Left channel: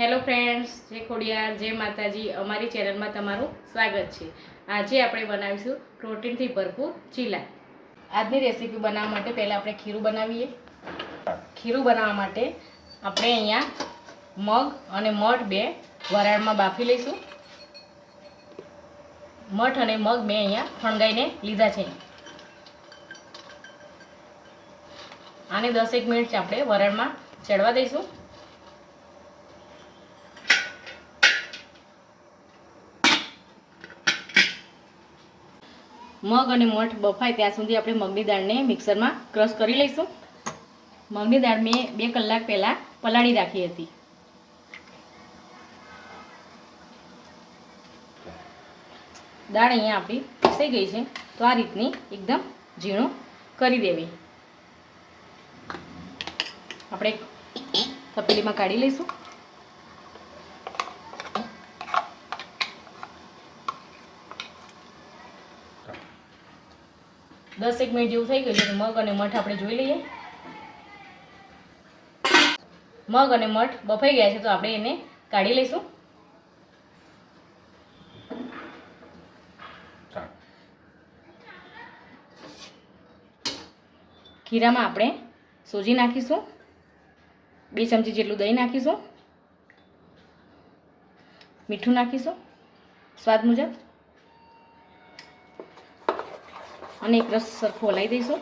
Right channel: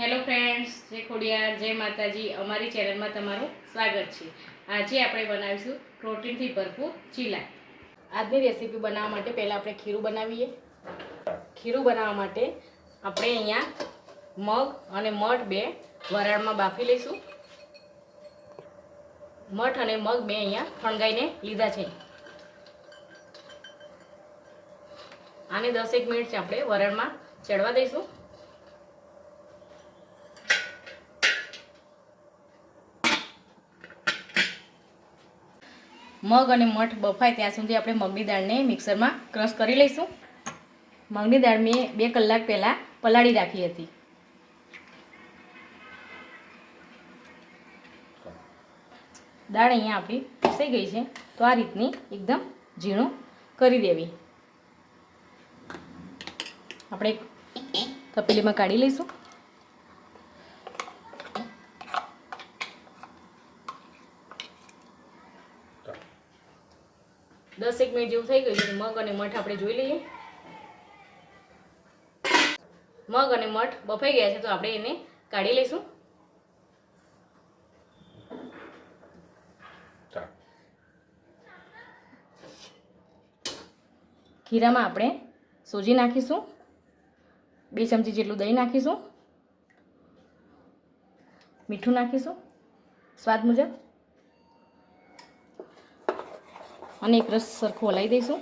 Hello friends, જય ખોડિયાર, જય માતાજી. અમારી ચેનલમાં તમારું સ્વાગત છે. આજે આપણે બનાવીશું પ્રોટીનથી ભરપૂર ચીલા. આજની રેસીપી બનાવવા માટે પહેલાં આપણે ખીરું બનાવીએ. ખીરું બનાવવા માટે આપણે અહીંયા મગ અને મઠ બે વરાળમાં બાફી લઈશું. મઠ અને મગ મેં અહીંયા ફણગાઈને લીધા છે. આને દસેક મિનિટ આપણે વરાળમાં ચડવા દઈશું. મગ અને મઠ બફાય ત્યાં સુધી આપણે મગની દાળને મિક્સરમાં ક્રશ કરી લઈશું. મગની દાળ મેં બે કલાક પહેલાં પલાળી રાખી હતી. દાળ અહીંયા આપણી પીસાઈ ગઈ છે. તો આ રીતની એકદમ ઝીણું કરી દેવી. આપણે તપેલીમાં કાઢી લઈશું. દસ એક મિનિટ જેવું થઈ ગયું છે મગ અને મઠ આપણે જોઈ લઈએ. મગ અને મઠ બફાઈ ગયા છે, તો આપણે એને કાઢી લઈશું. ખીરામાં આપણે સોજી નાખીશું. બે ચમચી જેટલું દહીં નાખીશું. મીઠું નાખીશું. સ્વાદ મુજબ. અને એક રસ સરખો હલાવી દઈશું.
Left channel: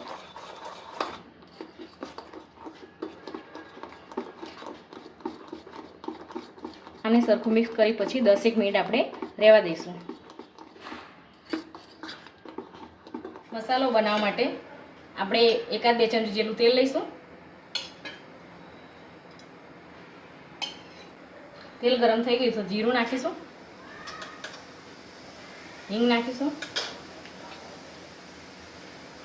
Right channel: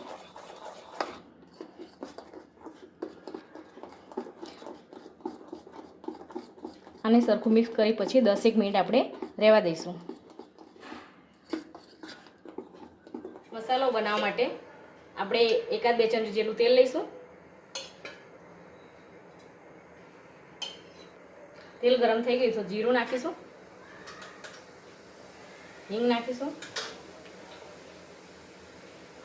અને સરખું મિક્સ કરી પછી દસેક મિનિટ આપણે રહેવા દઈશું. મસાલો બનાવવા માટે આપણે એકાદ બે ચમચી જેટલું તેલ લઈશું. તેલ ગરમ થઈ ગયું તો જીરું નાખીશું. હિંગ નાખીશું.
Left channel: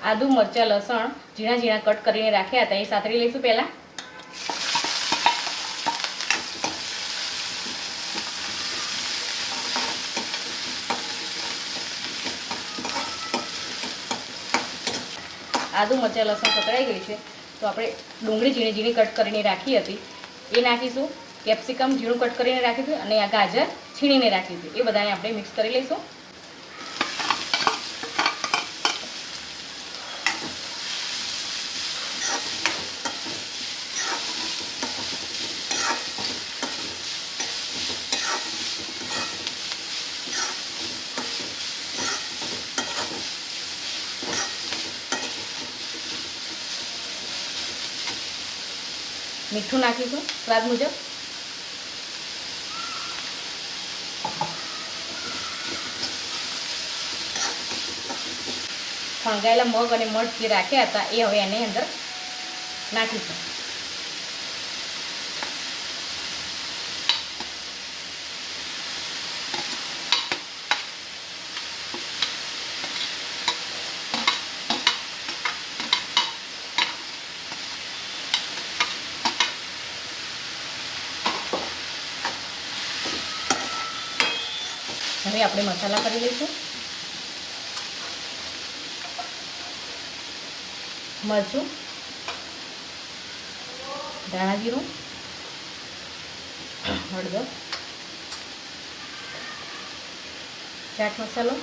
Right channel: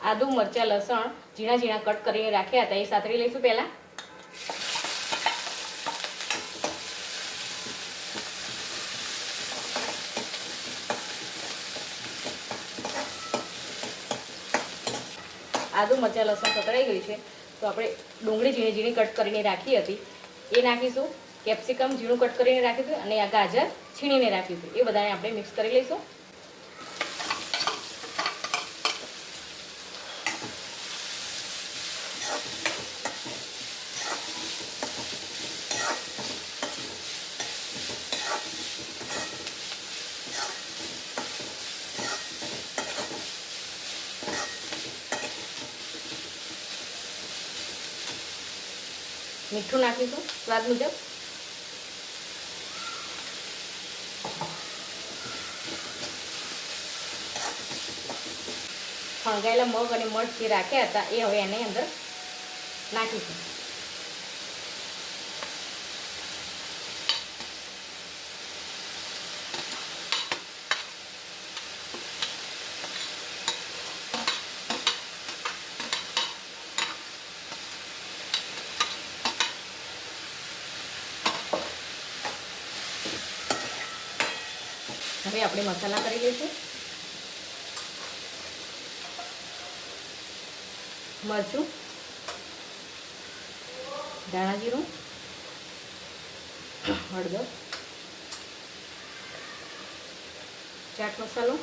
આદુ, મરચાં, લસણ ઝીણા ઝીણા કટ કરીને રાખ્યા હતા. એ સાતરી લઈશું પહેલાં. આદુ, મરચાં, લસણ પકડાઈ ગયું છે. તો આપણે ડુંગળી ઝીણી ઝીણી કટ કરીને રાખી હતી. એ નાખીશું. કેપ્સિકમ ઝીણું કટ કરીને રાખીશું અને આ ગાજર છીણીને રાખીશું એ બધાને આપણે મિક્સ કરી લઈશું. મીઠું નાખીશું સ્વાદ મુજબ. ફણગાયેલા મગ અને મઠ જે રાખ્યા હતા, એ હવે એની અંદર નાખીશું હવે આપણે મસાલા કરી લઈશું. મરચું ધાણા જીરું હળદર ચાટ મસાલો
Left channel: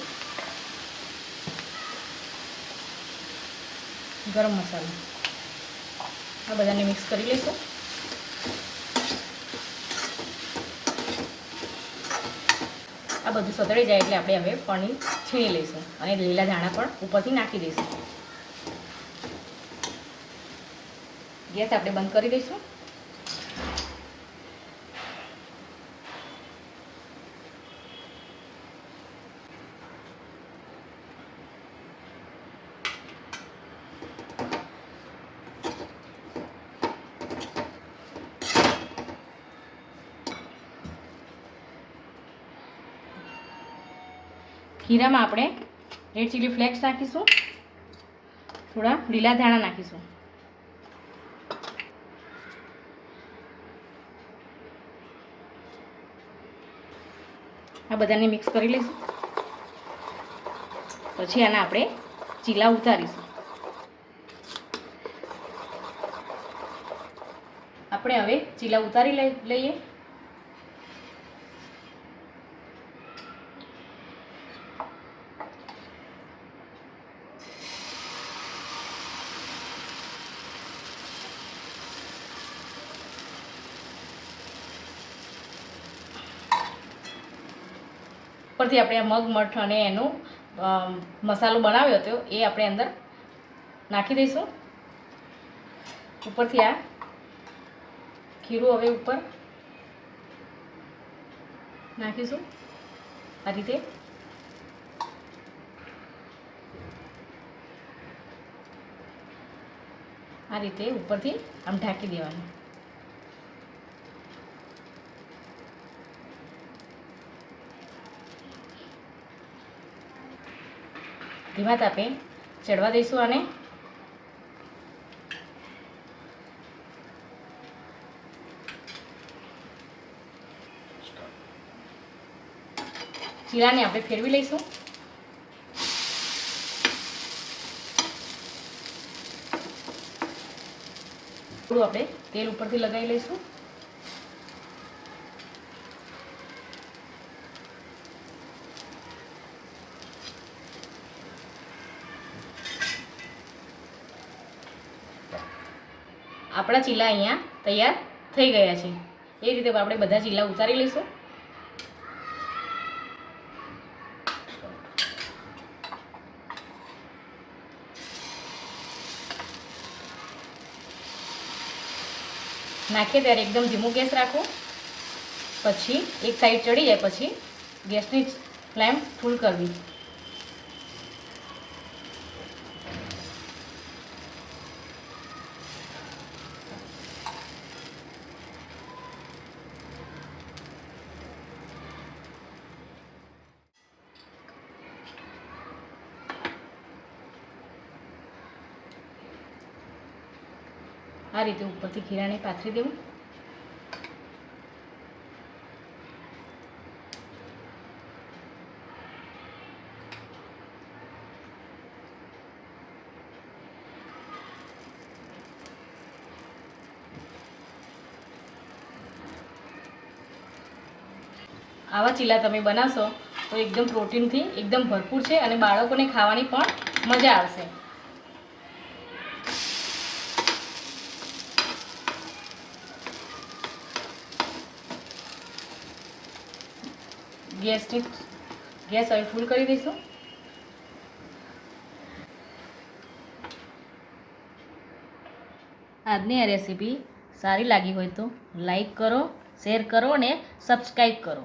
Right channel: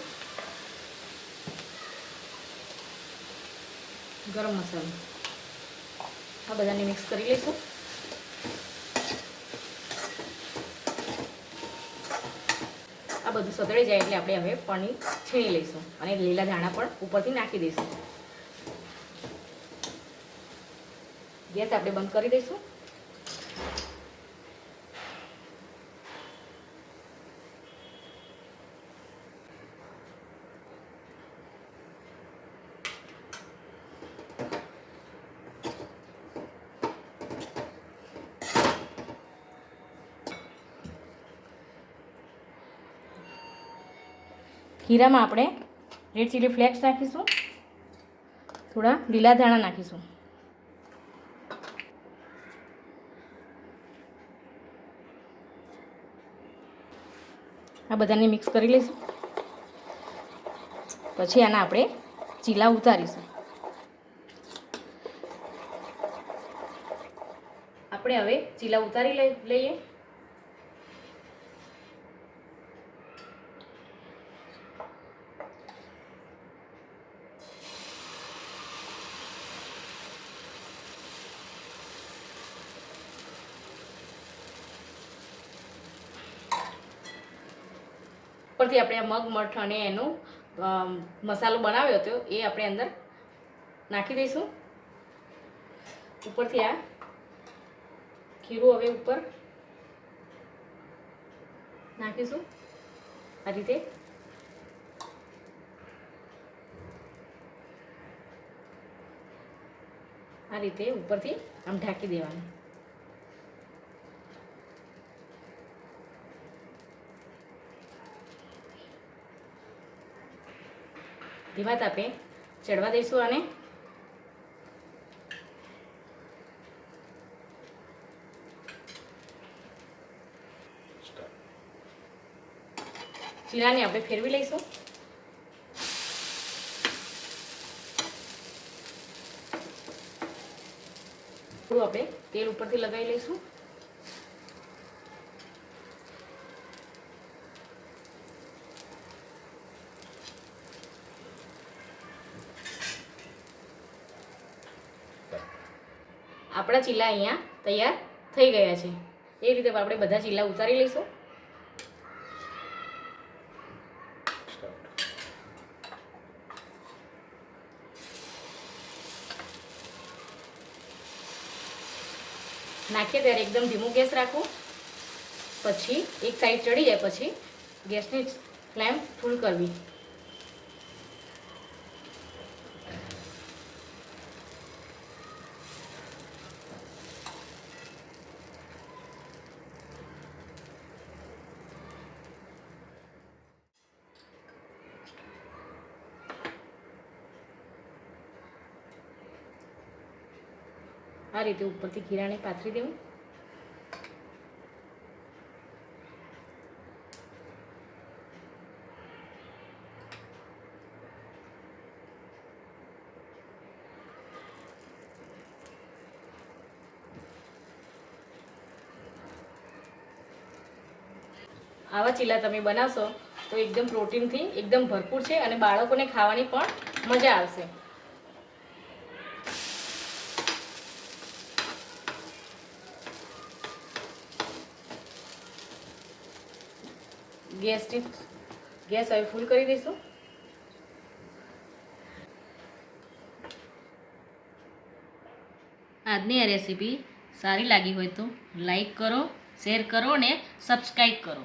ગરમ મસાલો. આ બધાને મિક્સ કરી લઈશું. બધું સતળી જાય એટલે આપણે હવે પનીર છીણી લઈશું અને લીલા ધાણા પણ ઉપરથી નાખી દઈશું. ગેસ આપણે બંધ કરી દઈશું. ખીરામાં આપણે રેડ ચીલી ફ્લેક્સ નાખીશું. થોડા લીલા ધાણા નાખીશું. આ બધાને મિક્સ કરી લઈશું. પછી આના આપણે ચીલા ઉતારીશું. આપણે હવે ચીલા ઉતારી લઈ લઈએ. ઉપરથી આપણે મગ, મઠ અને એનો મસાલો બનાવ્યો હતો, એ આપણે અંદર નાખી દઈશું. ઉપરથી આ ખીરું હવે ઉપર નાખીશું. આ રીતે. આ રીતે ઉપરથી આમ ઢાંકી દેવાનું. ધીમા તાપે ચડવા દઈશું આને. જીરાને આપણે ફેરવી લઈશું. થોડું આપણે તેલ ઉપરથી લગાવી લઈશું. આપણા ચીલા અહીંયા તૈયાર થઈ ગયા છે. એ રીતે આપણે બધા ચીલા ઉતારી લઈશું. નાખીએ ત્યારે એકદમ ધીમું ગેસ રાખો. પછી એક સાઈડ ચડી જાય, પછી ગેસની ફ્લેમ ફૂલ કરવી. આ રીતે ઉપરથી ખીરાને પાથરી દેવું. આવા ચીલા તમે બનાવશો તો એકદમ પ્રોટીનથી એકદમ ભરપૂર છે અને બાળકોને ખાવાની પણ મજા આવશે. ગેસની ગેસ હવે ફૂલ કરી દઈશું. આજની આ રેસીપી સારી લાગી હોય તો લાઈક કરો શેર કરો અને સબસ્ક્રાઈબ કરો.